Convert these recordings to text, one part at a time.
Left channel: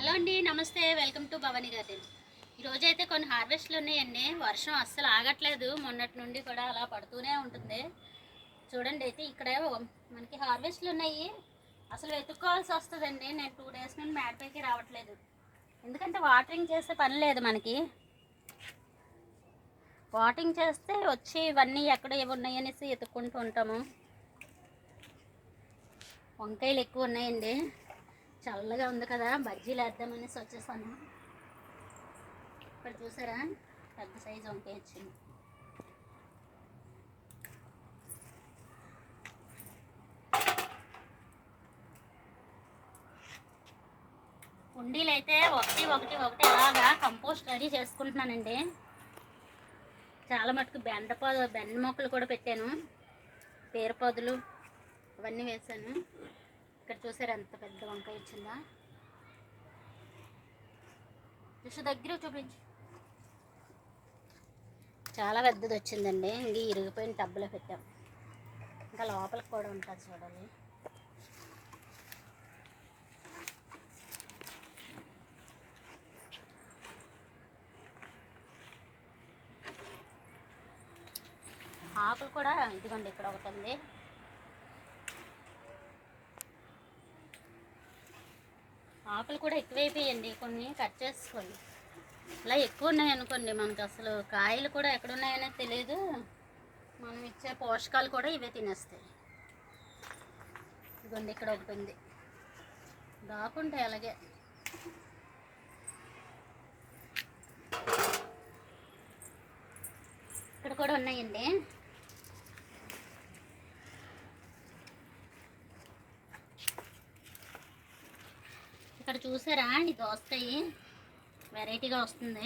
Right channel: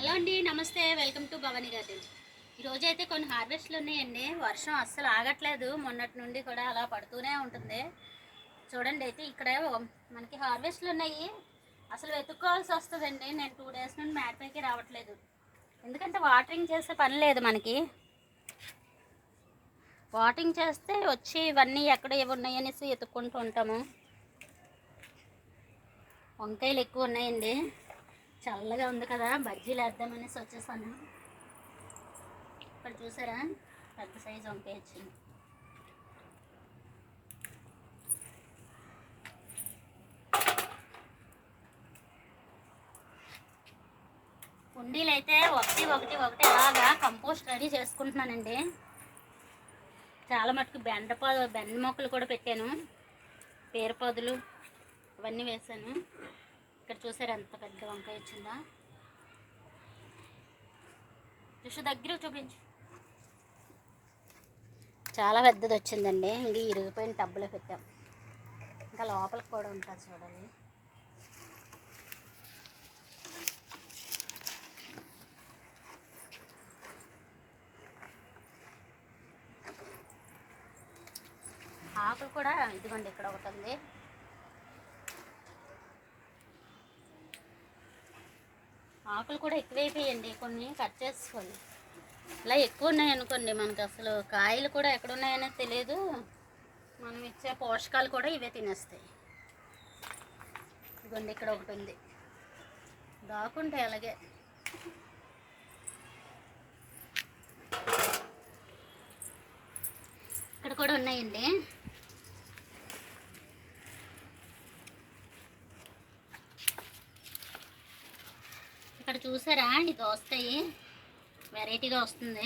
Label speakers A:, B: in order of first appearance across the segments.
A: Hello అండి namaste. Welcome to Bhavani garden. ఈరోజు అయితే కొన్ని హార్వెస్ట్లు ఉన్నాయండి. వర్షం అస్సలు ఆగట్లేదు. మొన్నటి నుండి కూడా అలా పడుతూనే ఉంటుంది. చూడండి అయితే ఇక్కడ మనకి హార్వెస్ట్లు ఉన్నాయి. అసలు వెతుక్కోవాల్సి వస్తుందండి. నేను టూ డేస్ నుండి మేడపైకి రావట్లేదు. ఎందుకంటే వాటరింగ్ చేసే పని లేదు మనకి. వాటరింగ్ చేస్తే వచ్చి ఇవన్నీ ఎక్కడ ఏవి ఉన్నాయనేసి ఎత్తుక్కుంటూ ఉంటాము. వంకాయలు ఎక్కువ ఉన్నాయండి. చల్లగా ఉంది కదా బజ్జీలు వేద్దామనేసి వచ్చేసాను. ఇక్కడ చూసారా? పెద్ద సైజు వంకాయ వచ్చింది కుండీలు అయితే ఒకటి ఒకటి ఒకటి అలాగా కంపోస్ట్ రెడీ చేసుకుంటున్నానండి. చాలా మటుకు బెండ పొద బెండ మొక్కలు కూడా పెట్టాను. పేరపొదలు అవన్నీ వేసాను ఇక్కడ చూసారు ఎంత పెద్ద వంకాయ వచ్చిందా? చూసి దగ్గర చూపించు. చాలా పెద్దది వచ్చిందండి. ఇది ఇరిగిపోయిన టబ్బులో పెట్టాం. ఇంకా లోపలికి కూడా ఉంటుంది చూడాలి ఆకులు కూడా ఇదిగోండి ఇక్కడ ఒకటి ఉంది. ఆకులు కూడా ఎక్కువైపోయాయండి కొన్ని కట్ చేసుకోండి. ఇలా ఎక్కువ ఉన్నాయి అనుకోండి అసలు కాయలు కూడా ఎక్కడ ఉన్నాయనే తెలియదు మనం ఇచ్చే పోషకాలు కూడా ఇవే తినేస్తాయి. ఇదిగోండి ఇక్కడ ఒకటి ఉంది. దాకుంటాయి అలాగే. ఇక్కడ కూడా ఉన్నాయండి. ఇక్కడ చూసారా అండి దోస్తాయి? వెరైటీగా వస్తుంది.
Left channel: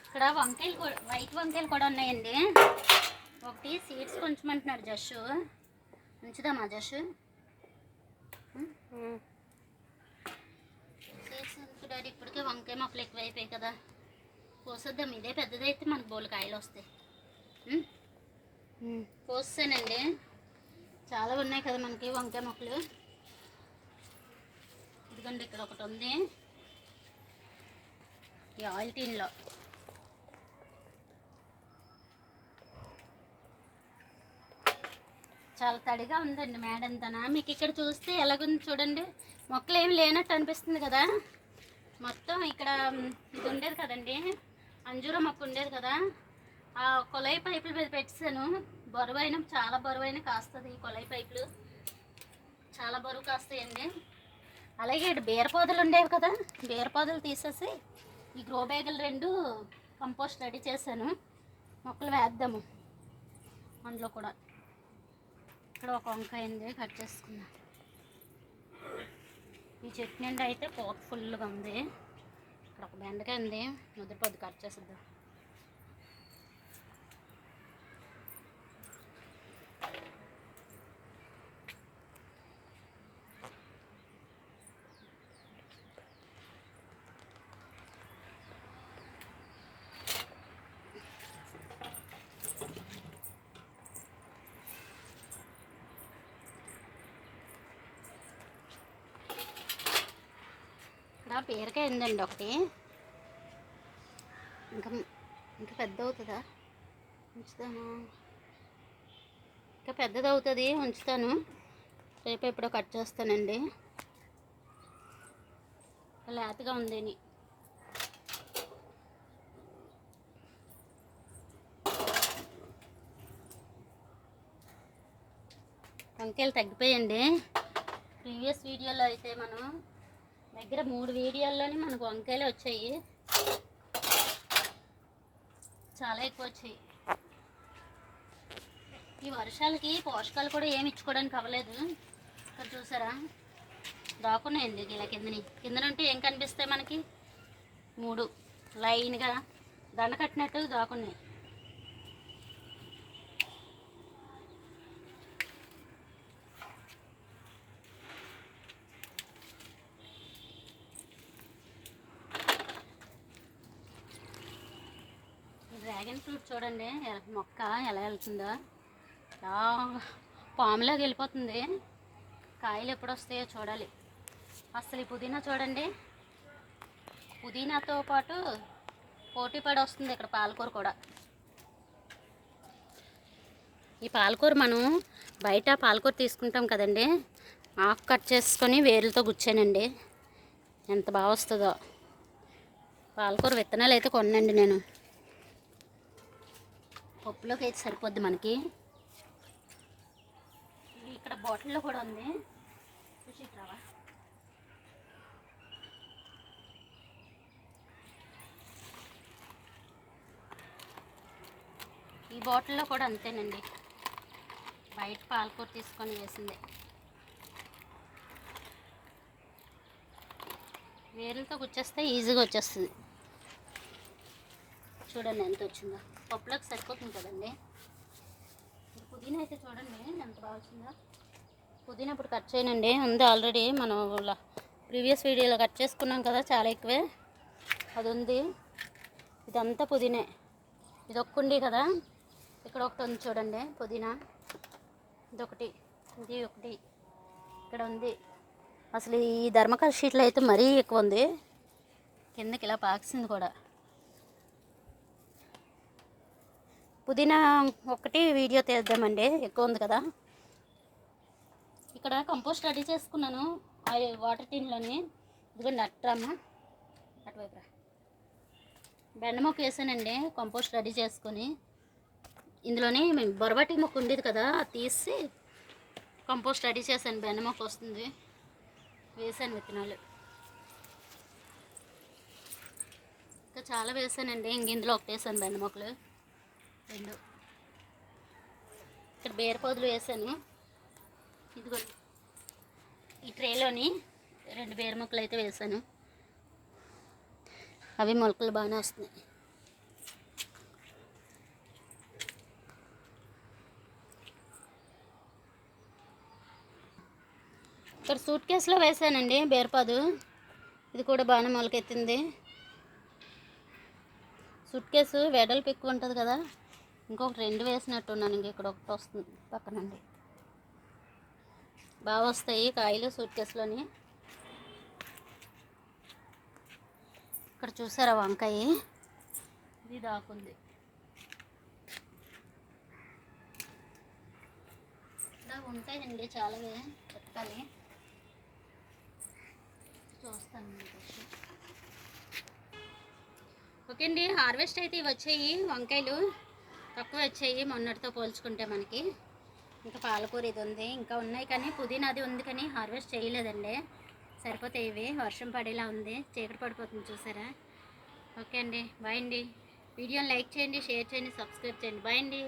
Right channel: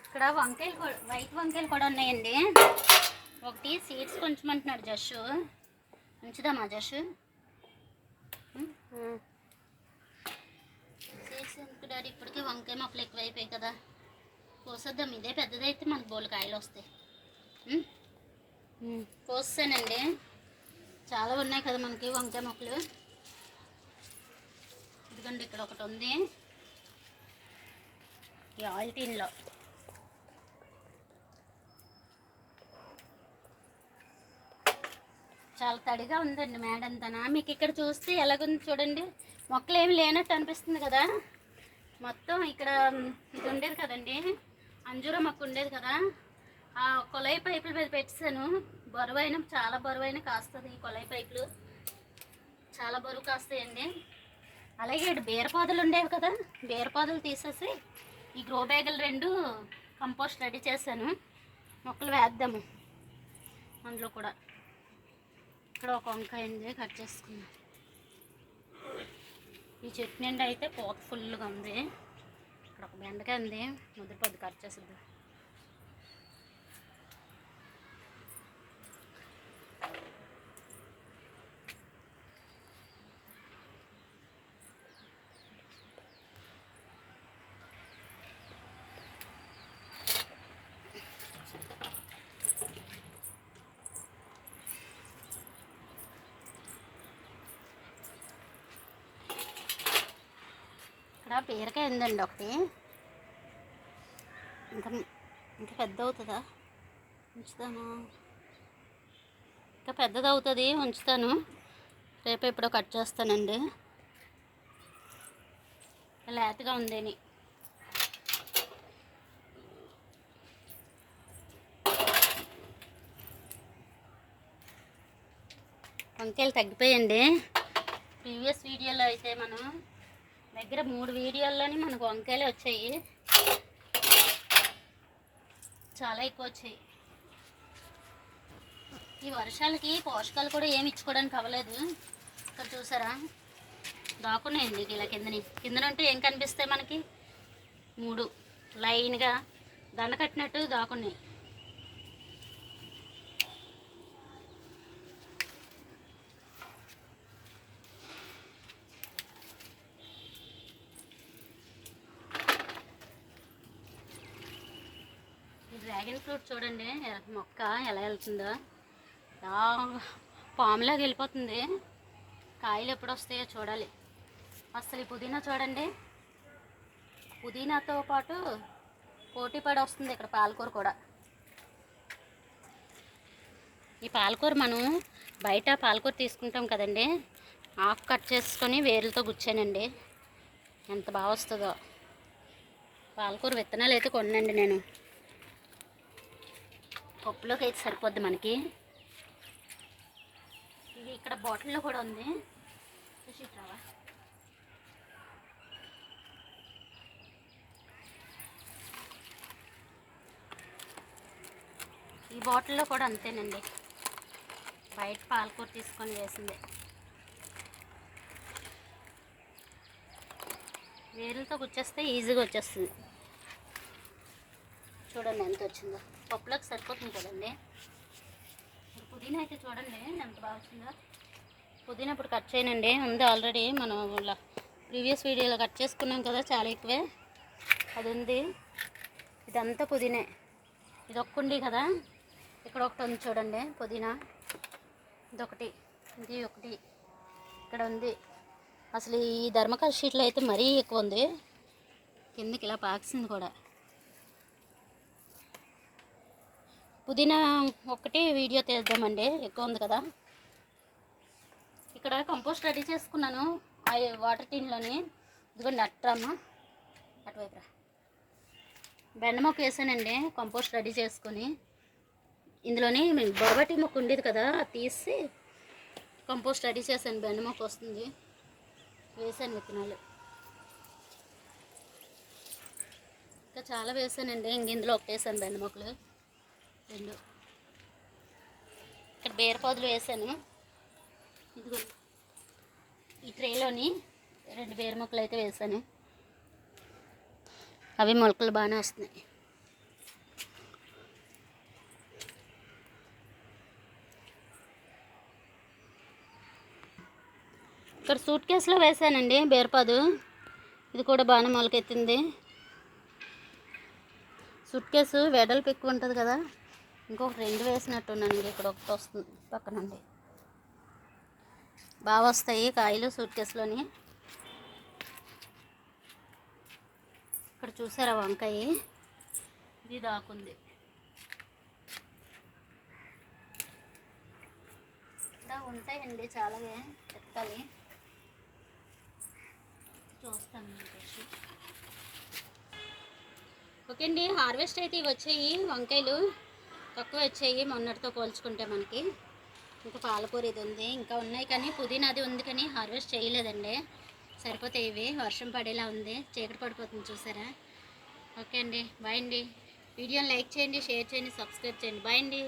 A: ఇక్కడ వంకాయలు కూడా వైట్ వంకాయలు కూడా ఉన్నాయండి. ఒకటి సీడ్స్ కొంచెం జష్. ఉంచుదామా జష్? ఎందుకు డాడీ ఇప్పటికే వంకాయ మొక్కలు ఎక్కువైపోయాయి కదా. కోసేద్దాం. ఇదే పెద్దదైతే మనకు బోలు కాయలు వస్తాయి. కోసానండి చాలా ఉన్నాయి కదా మనకి వంకాయ మొక్కలు. ఇదిగోండి ఇక్కడ ఒకటి ఉంది. ఈ ఆయిల్ టీన్లో. చాలా తడిగా ఉందండి మేడంతనా. మీకు ఇక్కడ చూస్తే ఎలాగుంది చూడండి. మొక్కలు ఏమి లేనట్టు అనిపిస్తుంది కదా. మొత్తం ఇక్కడ ఇది ఉండేది కదండి. అంజూర మొక్క ఉండేది కదా. ఆ కొలై పైపుల మీద పెట్టాను బరువైన చాలా బరువైన కాస్తుంది ఈ కొలై పైపులు. చాలా బరువు కాస్తాయండి. అలాగే ఇటు బీరపాదులు ఉండేవి కదా. బీరపాదులు తీసేసి ఈ గ్రో బ్యాగులు రెండు కంపోస్ట్ రెడీ చేశాను. మొక్కలు వేద్దాము. అందులో కూడా. ఇక్కడ ఒక వంకాయ ఉంది కట్ చేసుకున్నా. ఈ చెట్టు నిండా అయితే పోత ఫుల్గా ఉంది. ఇక్కడ ఒక బెండకాయ ఉంది. ముద్ర పొద్దు కట్ చేసిద్దాం. ఇంకా బీరకాయ ఉందండి ఒకటి. ఇంకా ఇంకా పెద్ద అవుతుందా ఉంచుతాను. ఇంకా పెద్దది అవుతుంది ఉంచుతాను. రేపు ఎప్పుడో కట్ చేస్తానండి. లేతగా ఉందని వంకాయలు తగ్గిపోయండి. ప్రీవియస్ వీడియోలో అయితే మనం దగ్గర మూడు వీడియోల్లోనే మనకు వంకాయలు వచ్చాయి. చాలా ఎక్కువ వచ్చాయి. ఈ వర్షాలకి పోషకాలు కూడా ఏమి ఇచ్చుకోవడానికి అవ్వలేదు. ఇక్కడ చూసారా? దాకున్నాయండి ఇలా కిందని కిందన. ఉంటే ఏం కనిపిస్తాయి మనకి? మూడు. లైన్గా దండ కట్టినట్టు దాకున్నాయి డ్రాగన్ ఫ్రూట్ చూడండి మొక్క ఎలా వెళ్తుందో. బాగా పాములాగా వెళ్ళిపోతుంది. కాయలు ఎప్పుడు వస్తాయో చూడాలి. అసలు ఈ పుదీనా చూడండి. పుదీనాతో పాటు పోటీ పడి వస్తుంది ఇక్కడ పాలకూర కూడా. ఈ పాలకూర మనం బయట పాలకూర తీసుకుంటాం కదండి. ఆకు కట్ చేసుకొని వేరులతో గుచ్చానండి. ఎంత బాగా వస్తుందో. పాలకూర విత్తనాలు అయితే కొనండి నేను. పప్పులోకి అయితే సరిపోద్ది మనకి. ఇది ఇక్కడ బాటిల్లో కూడా ఉంది. చూసి రావా ఈ బాటిల్లో కూడా అంతేనండి. బయట పాలకూర తీసుకొని వేసింది. వేరులతో వచ్చేస్తే ఈజీగా వచ్చేస్తుంది. చూడండి ఎంత వచ్చిందో. పప్పులోకి సరిపోతుంది కదండి. ఇప్పుడు పుదీనా అయితే చూడండి ఎంత బాగా వచ్చిందో. పుదీనా ఇప్పుడు కట్ చేయనండి. ఉంది ఆల్రెడీ. మనం ప్రీవియస్ వీడియోలో కట్ చేసుకున్నాం కదా చాలా ఎక్కువే. అది ఉంది. ఇదంతా పుదీనే. ఇది ఒక్కండి కదా. ఇక్కడ ఒకటి ఉంది చూడండి పుదీనా. ఇదొకటి. ఇది ఒకటి. ఇక్కడ ఉంది. అసలు ఈ ధర్మకాల షీట్లో అయితే మరీ ఎక్కువ ఉంది. కిందకి ఇలా పాక్సింది కూడా. పుదీనా ఒకటి వీడియో తీద్దామండి. ఎక్కువ ఉంది కదా. ఇక్కడ కంపోస్ట్ రెడీ చేసుకున్నాను. ఆ వాటర్ టిన్లోని. ఇదిగోండి అట్రామా అటువైపు బెండమొక్క వేసానండి. కంపోస్ట్ రెడీ చేసుకొని. ఇందులోని బొరబట్టి మొక్క ఉండేది కదా అది తీసి కంపోస్ట్ రెడీ చేశాను. బెండ మొక్క వస్తుంది. వేసాను విత్తనాలు. ఇంకా చాలా వేసానండి. ఇంక ఇందులో ఒకటేసాను బెండ మొక్కలు. రెండు. ఇక్కడ బీరపాదులు వేసాను. ఇదిగో ఈ ట్రేలోని రెండు బీర మొక్కలు అయితే వేసాను. అవి మొలకలు బాగానే వస్తున్నాయి. ఇక్కడ సూట్ కేసులో వేసానండి బీరపాదు ఇది కూడా బాగానే మొలకెత్తింది. సూట్ కేసు వెడల్పు ఎక్కువ ఉంటుంది కదా. ఇంకొకటి రెండు వేసినట్టున్నాను ఇంక ఇక్కడ ఒకటి వస్తుంది పక్క నుండి బాగా వస్తాయి కాయలు సూట్ కేసులోని ఇక్కడ చూసారా వంకాయ? ఇది దాకుంది. ఇలా ఉంటాయండి చాలావే చెప్పాలి. చూస్తాను ఓకే అండి హార్వెస్ట్ అయితే ఇవి వచ్చాయి వంకాయలు. తక్కువ వచ్చాయి మొన్నటితో పోల్చుకుంటే మనకి. ఇంకా పాలకూర ఇది ఉంది. ఇంకా ఉన్నాయి కానీ పుదీనా అది ఉంది కానీ హార్వెస్ట్ చేయలేదండి. సరిపోతాయి ఇవి. వర్షం పడేలా ఉంది. చీకటి పడిపోతుంది చూసారా? ఓకే అండి. బాయ్ అండి. వీడియోని లైక్ చేయండి షేర్ చేయండి సబ్స్క్రైబ్ చేయండి. బాయ్ అండి.